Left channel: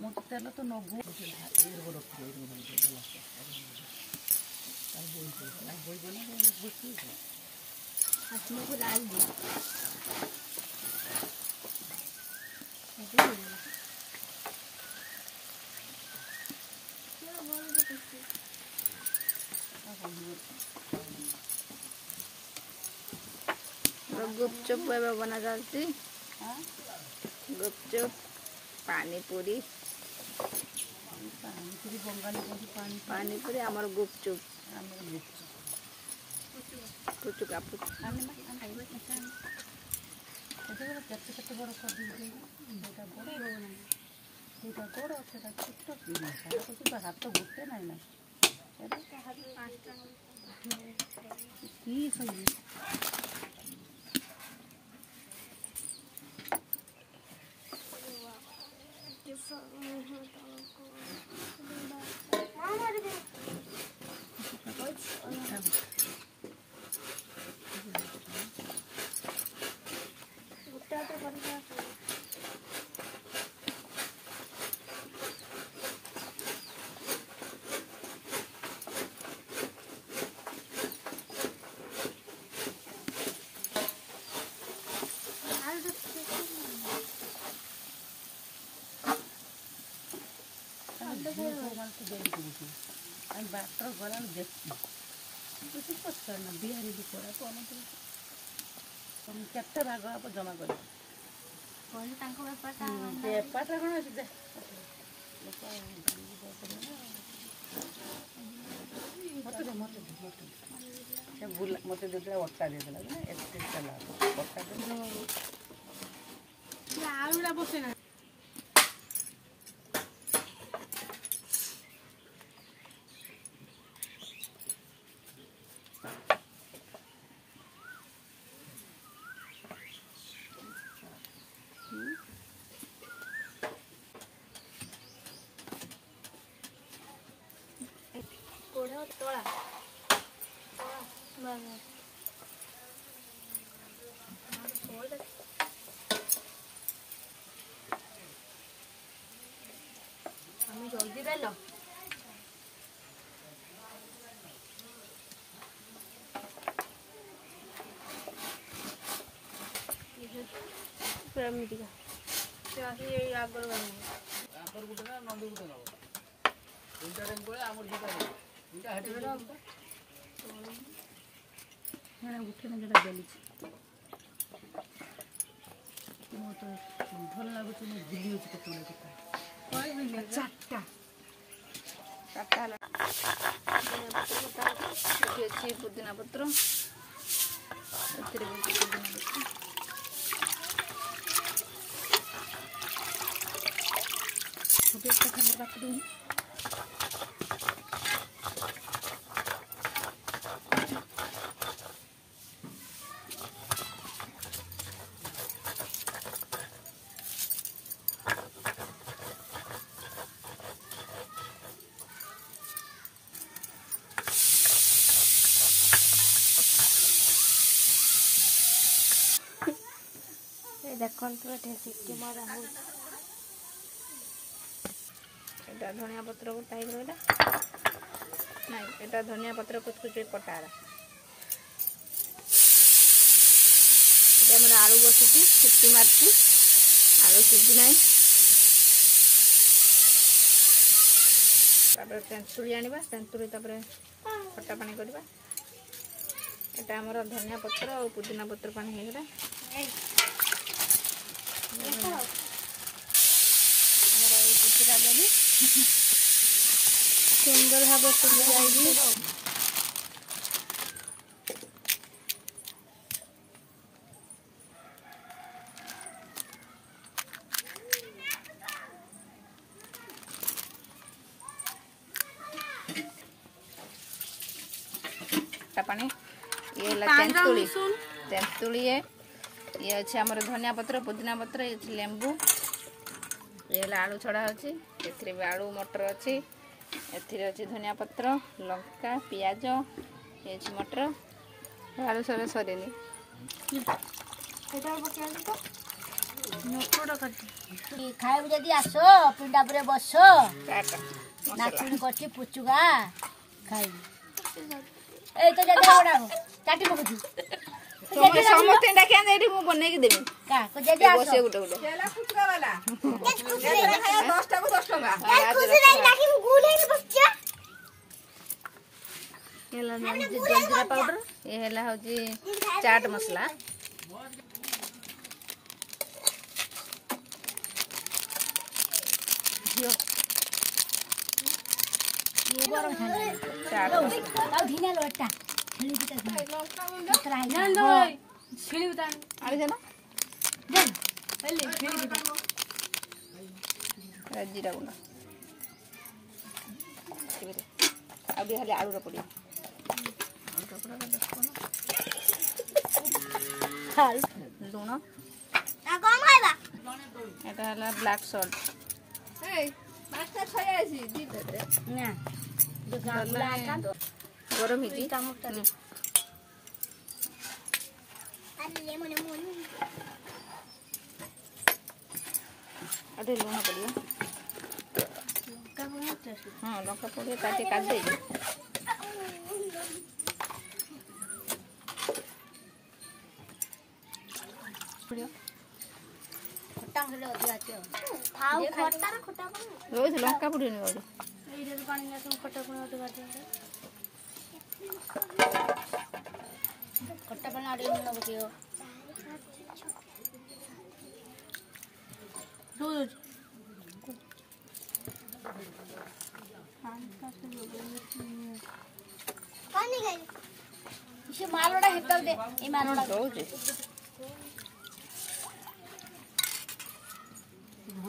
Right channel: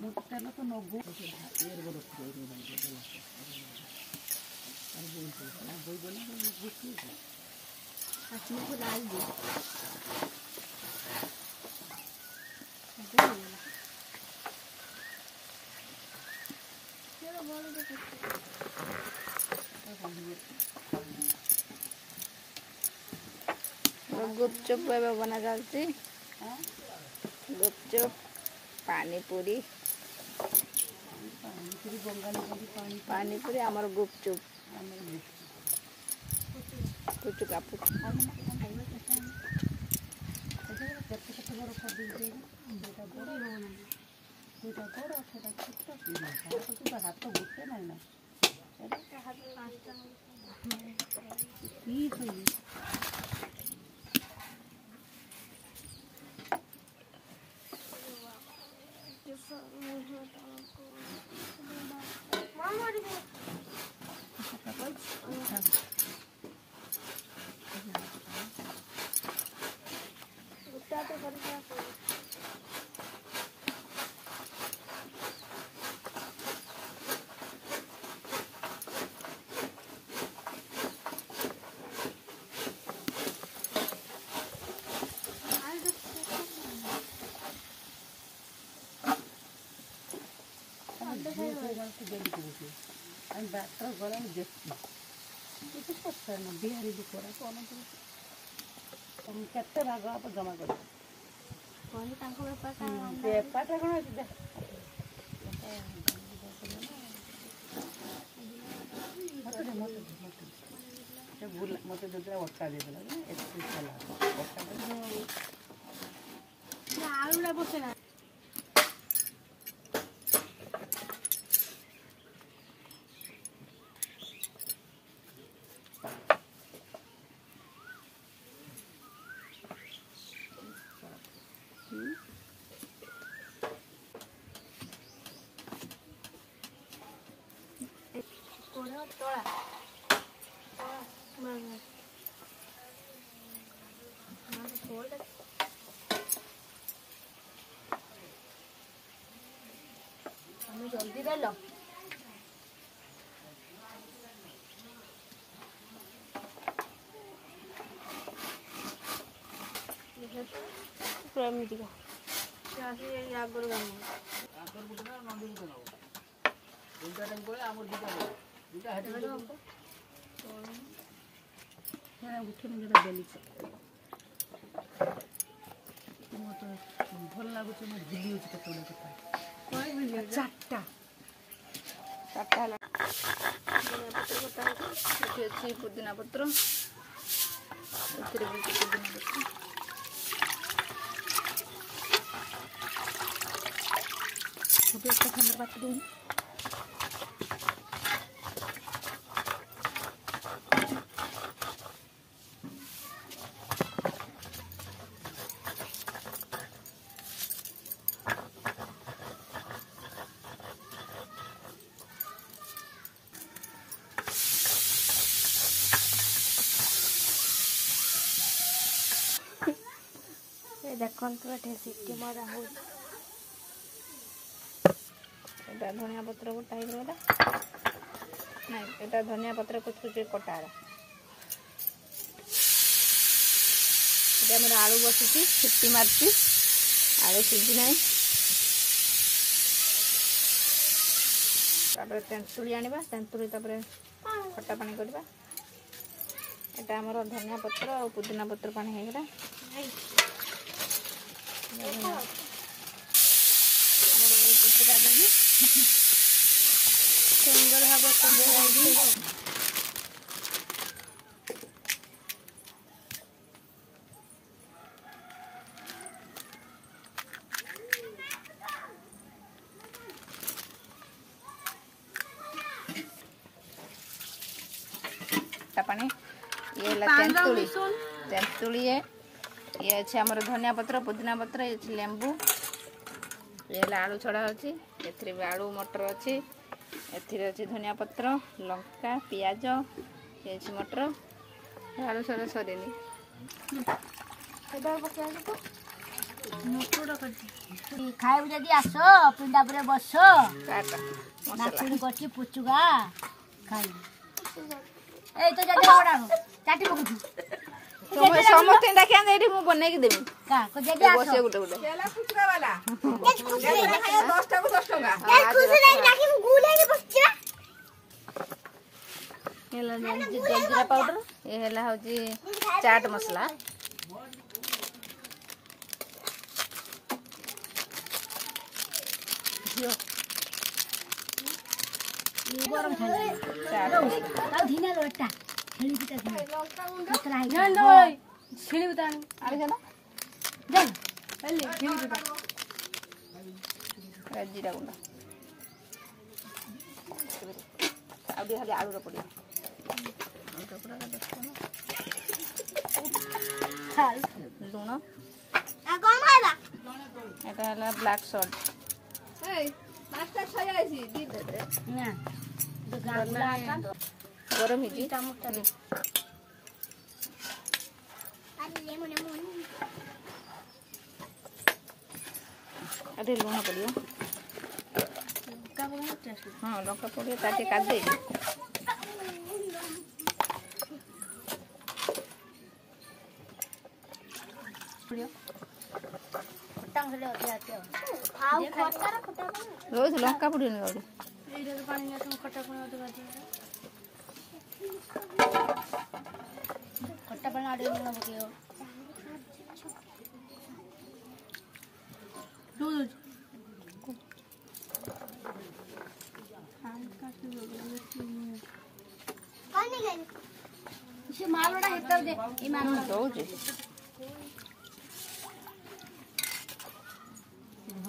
मोटे तेल तो नगु गुपचुप बना जाती गुपचुप पानी पूरी आमर गुपचुप पुचुका हाथ गोटे ना डॉक्टर गला देखती बिहारी बिचरा केते भाग आप जमा कर बेपार कौन अच्छे मत जो अटा देदेला आलूटा बसे ना तोड़ा हमें जल्दी दे लो भल लगुच पुदीना पत्र बात दूँ देखो सीटी मरा हो धनिया पत्र को टाइप ना ये धनिया पत्र कुछ कुछ कटा ये आलू बसी सीटी मारती आलू सीझी ना तेंतुड़ी आनिबा तेंतुड़ी खट्टा पानी करवा एटा हमर धनिया पत्र और पुदीना पत्र पानी हेगला सुंदर भाव पानी ये तेंतुड़ी तेंतुड़ी है ये अच्छे आमर धनिया पत्र पुदीना पत्र ये लेंबू ये आलू छड़ा अच्छी ए आलू मटर अच्छी अच्छी धनिया पत्र लंका पियाज ये मटर आलू सरे सरेनी ଖାଇବୁ ଯଦି ଆସ ପିଣ୍ଡା ପରେ ବସ ନାଚୁଣି କରୁଛି ପୁଚୁକା ଖାଇବୁ ଏଇ ତ ଯଦି ଚାଟି ପକଉଛୁ ସମସ୍ତେ ଡାକିଆ ଏଇଠି ମୁଁ ବନେଇକି ଦେବି ଯଦି ବସିବେ ଗୋଟେ ଗୋଟେ 10 ଟଙ୍କା ଜଲଜିରା ପାଉଡର ଏ ହେଲା ହଉଛି ଚାଟ ମସଲା ଚାଟ ଜିରା ଗୁଣ୍ଡ ଆଉ ଟିକେ ଖାଲି ଆଳୁର ପଡ଼ିବ ଲୁଣ এটা হলো ব্ল্যাক সল্ট গরম হয়েছি আধে লুণ পড়িব হ্যাঁ লঙ্কা পড়িব তা ଟିକେ কাট দেই रोज लंका पड़े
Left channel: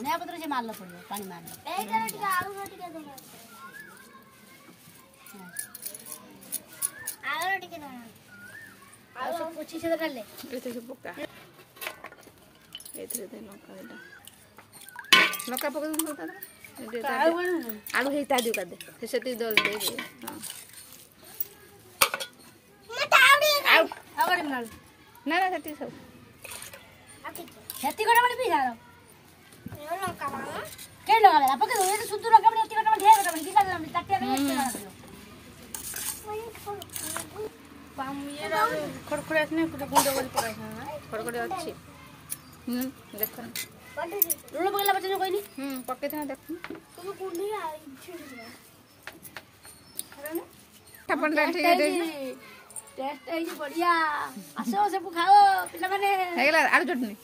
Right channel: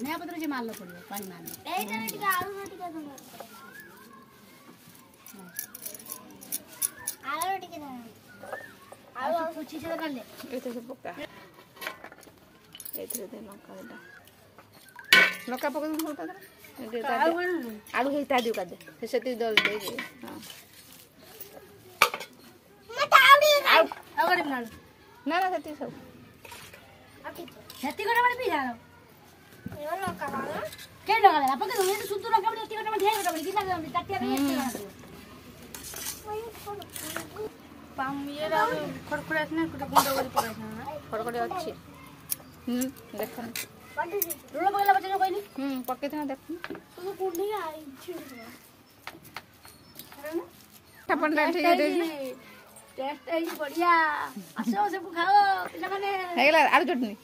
धनिया पत्र से मारना पड़ेगा पानी मारना एटा टिका आलू टिका दो आलू टिका ना आलू कुछ से कर ले एते से पका एते दे लंका देटा लंका पका दो होता दे आलू हे ता दियो का दे से सेती दल दे हां मत आउ और मार ना ना सेती सब सेती कोटा में पी जा के लगा अपन तो ये सुतु लगा बड़ी टिकट में ढेर लगा दिला काटिया नहीं पाम ये रे खड़खड़े ने कुछ गुंड कर पड़ा है खड़खड़े अच्छी देखन लुण बोला बच्चा जो कोई पके था देख तो कुंडी आई अपन ठीक है टेस्ट है बढ़िया आसो सब खाओ पिला माने हेगला आलू चटनी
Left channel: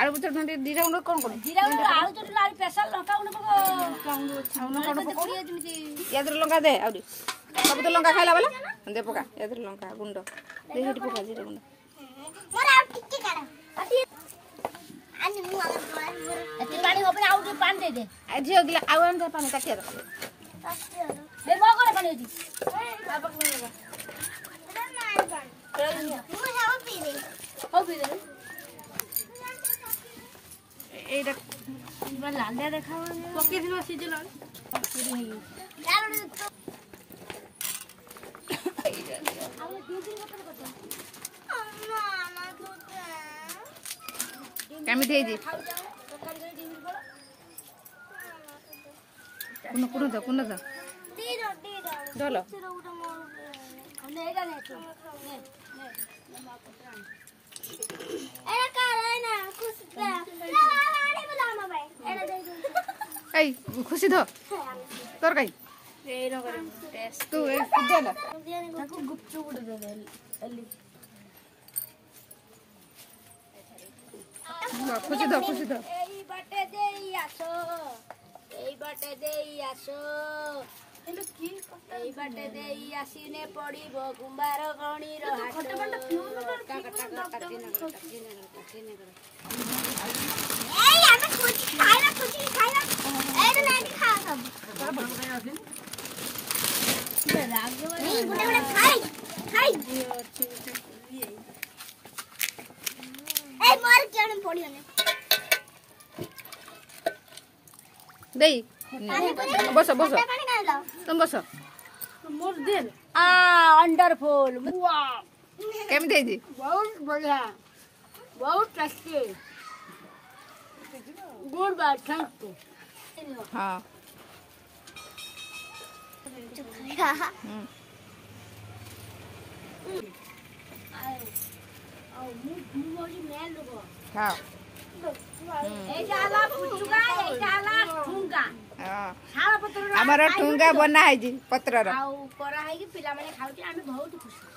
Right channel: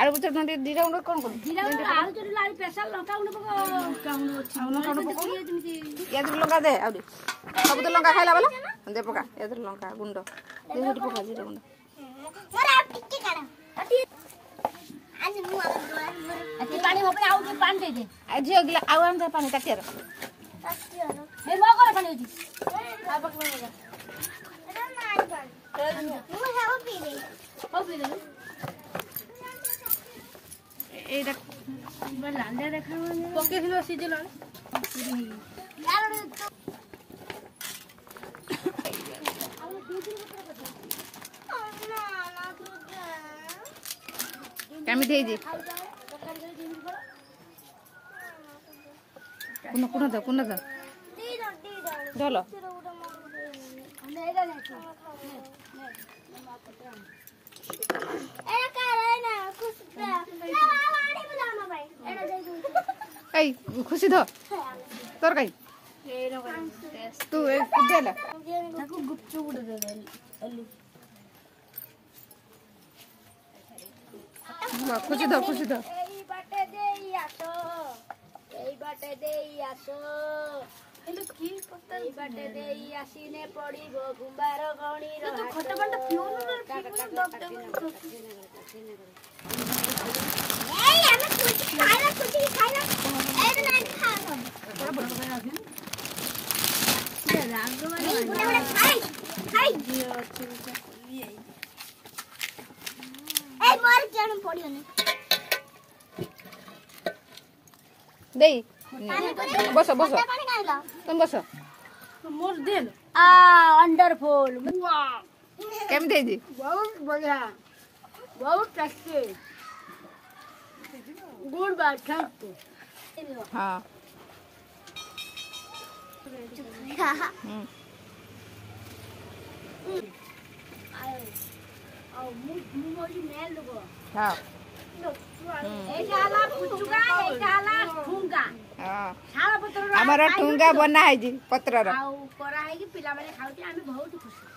आलू चटनी जीरा गुंड कोन कोन जीरा गुंड आलू चटनी आलू स्पेशल लंका गुंड पको याद लंका दे आउरी सब तो लंका खाइला वाला दे पका याद लंका गुंड दे हेटी पका जीरा गुंड मोरा टिक्की काढा आज मु एते पानी होबे आउ के पानी दे दे आज अगला आउ हम पानी काटिया रख ए मो कर पानी होती आ पकड़ लगा मु जाओ पी दे ओ पी दे এইটা মানে লান্ডা দেখা মানে পকে দিলো সিজে লাল আমি দেই দি কোন দা ধলো এই খুশি ধ তোর কাই তু এ দেলা তাকু গুপচুপ দে দে अल्ली খুশি ধ এই বাটে দেই আসো এলো কি এই বাটে দেই আসিনে পড়িব গুম্বার গণির হাট খটা বাটা ফিউন এই আমি খুশি খাইলা এই না খা সব এই গুনে গুনে খাই এই মার কেন পড়িও না দেই বস পানি খাইলা তুমি বস मोर दिन वंडरफुल केम देई दी बहुत बढ़िया बहुत टेस्टी गुड बात थैंक यू हाँ हाँ आमर ठुंगा बना है जी पत्र पिला माने खाउती आमे बहुत खुशी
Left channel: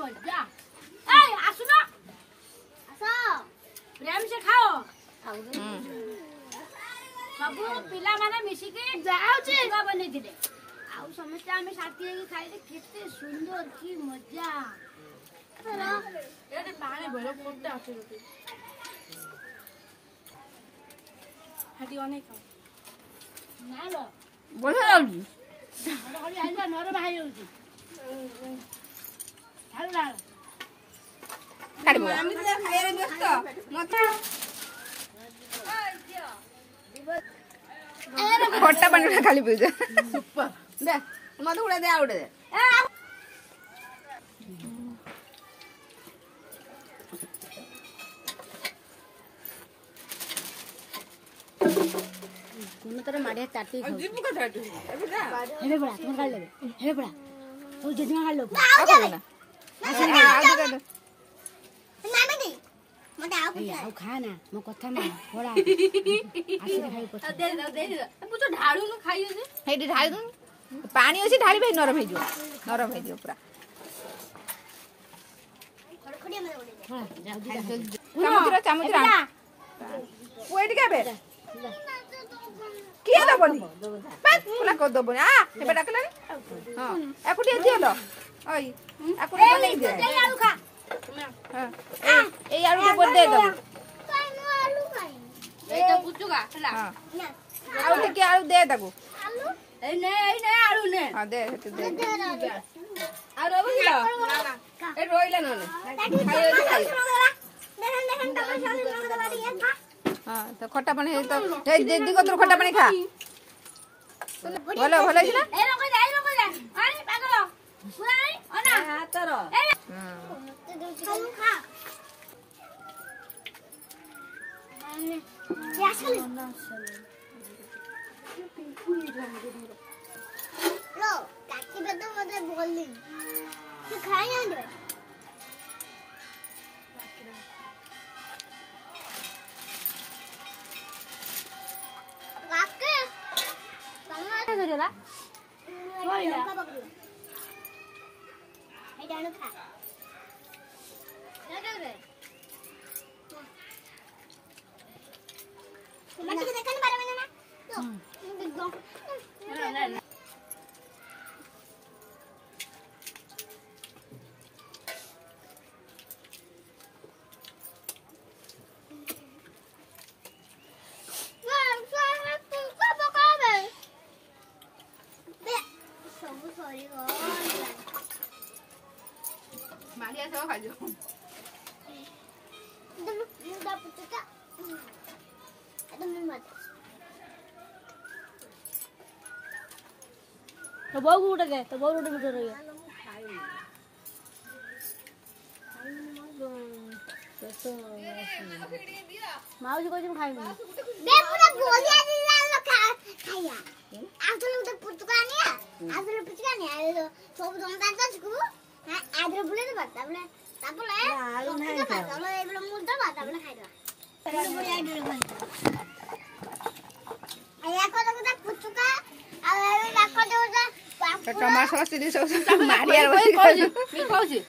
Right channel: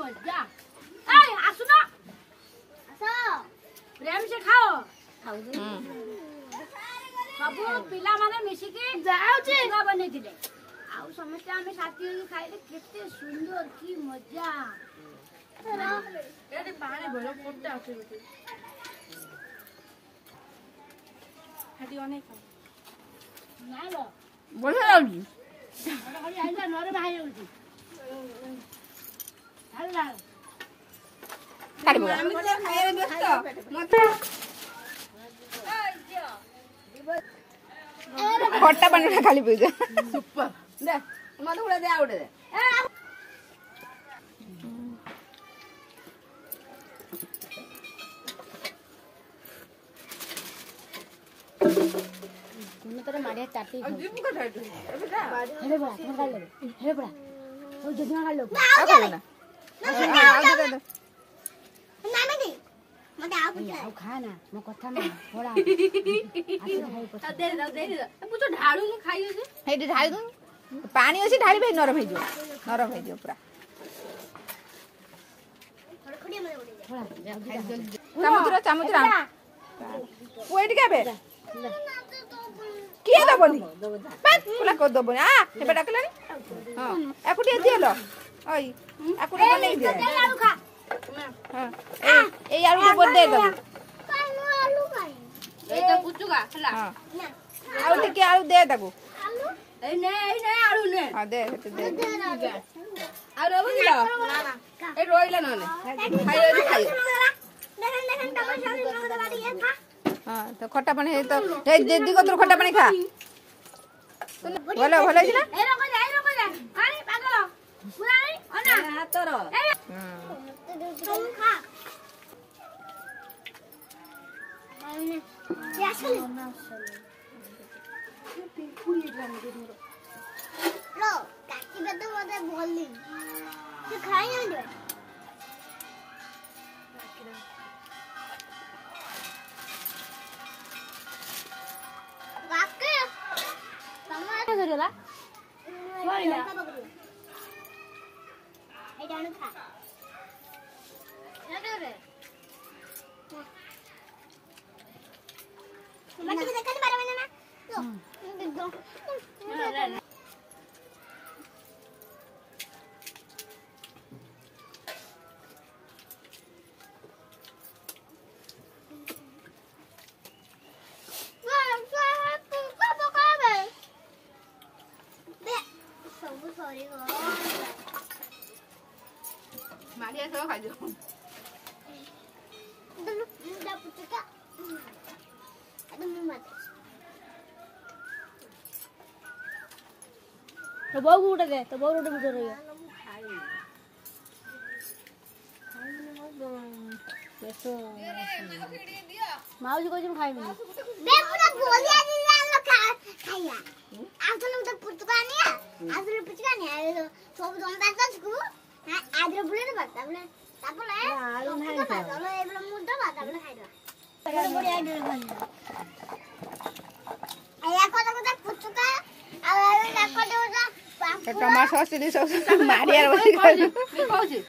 मजा आसु ना प्रेम से खाओ सबू पिला माने मिसिके जाउची बनै दिले आउ समस्त आमे साथी हे खाइले केते सुंदर की मजा एटे पानी भलो कोटे आछे रोटी हटी अनेक ना लो बढ़िया लागी हरी आइलो नर भाई होची हल्ला काट बोला खट्टा पानी खाली पीजा सुपर दे मत उड़े दे आउडे दे कोन तरह माडे ताटी जीपू का टाटू हेबे बड़ा तुम खा लेबे हेबे बड़ा तो जदी खा लो आ खाओ ना आ दे दे आओ खा ना मो कथा ना थोड़ा दे पुतो ढाळू न खाइयो जे हेडी ढाल दू पानी अछि ढाली भाई नरम हे जो पूरा चामुच वेट के बे किए दबनी बस पुला को दबनी आ हेबे डाकला हां एकुटी दियलो ओई एकुटी बनै दे हां ए आलू के बोल दे दबो ए तो पुचुगा हला हां आउ के आलू दे दगो ए ने आलू ने हां दे दे आ रोबो दिलो ए रोइला नने हां तो खट्टा पानी है तो दीदी को तो खट्टा पानी खा भलो भलो है ना ए रोको जा पानी पागल पुरानी ओना तोर खा यासले लो काकी के तो मते बोलली तू खाई ना दे काके समोसा करेला सोरिया का बकरी ए जानो खा क्या करे मत के देखने बारे में ना देख दो मारिया सब खा जो तो बहु उठे दे तो बहु उठे बिठो रहियो माऊजी को तुम खाई नहीं बे पूरा बोलिया दी जान खाया आजले तो पुचका नहीं आजले पुचका नहीं आले तो सब दंता कसकु आजले बुले दे बात बोले तापले आलू नहीं खा बोले ए बोले मुद्दा बात बोले खाई दो बढ़िया आइडिया खाई आया को तो पुचका आ लाको दो टमाटर सॉस दी सब मारिया बसी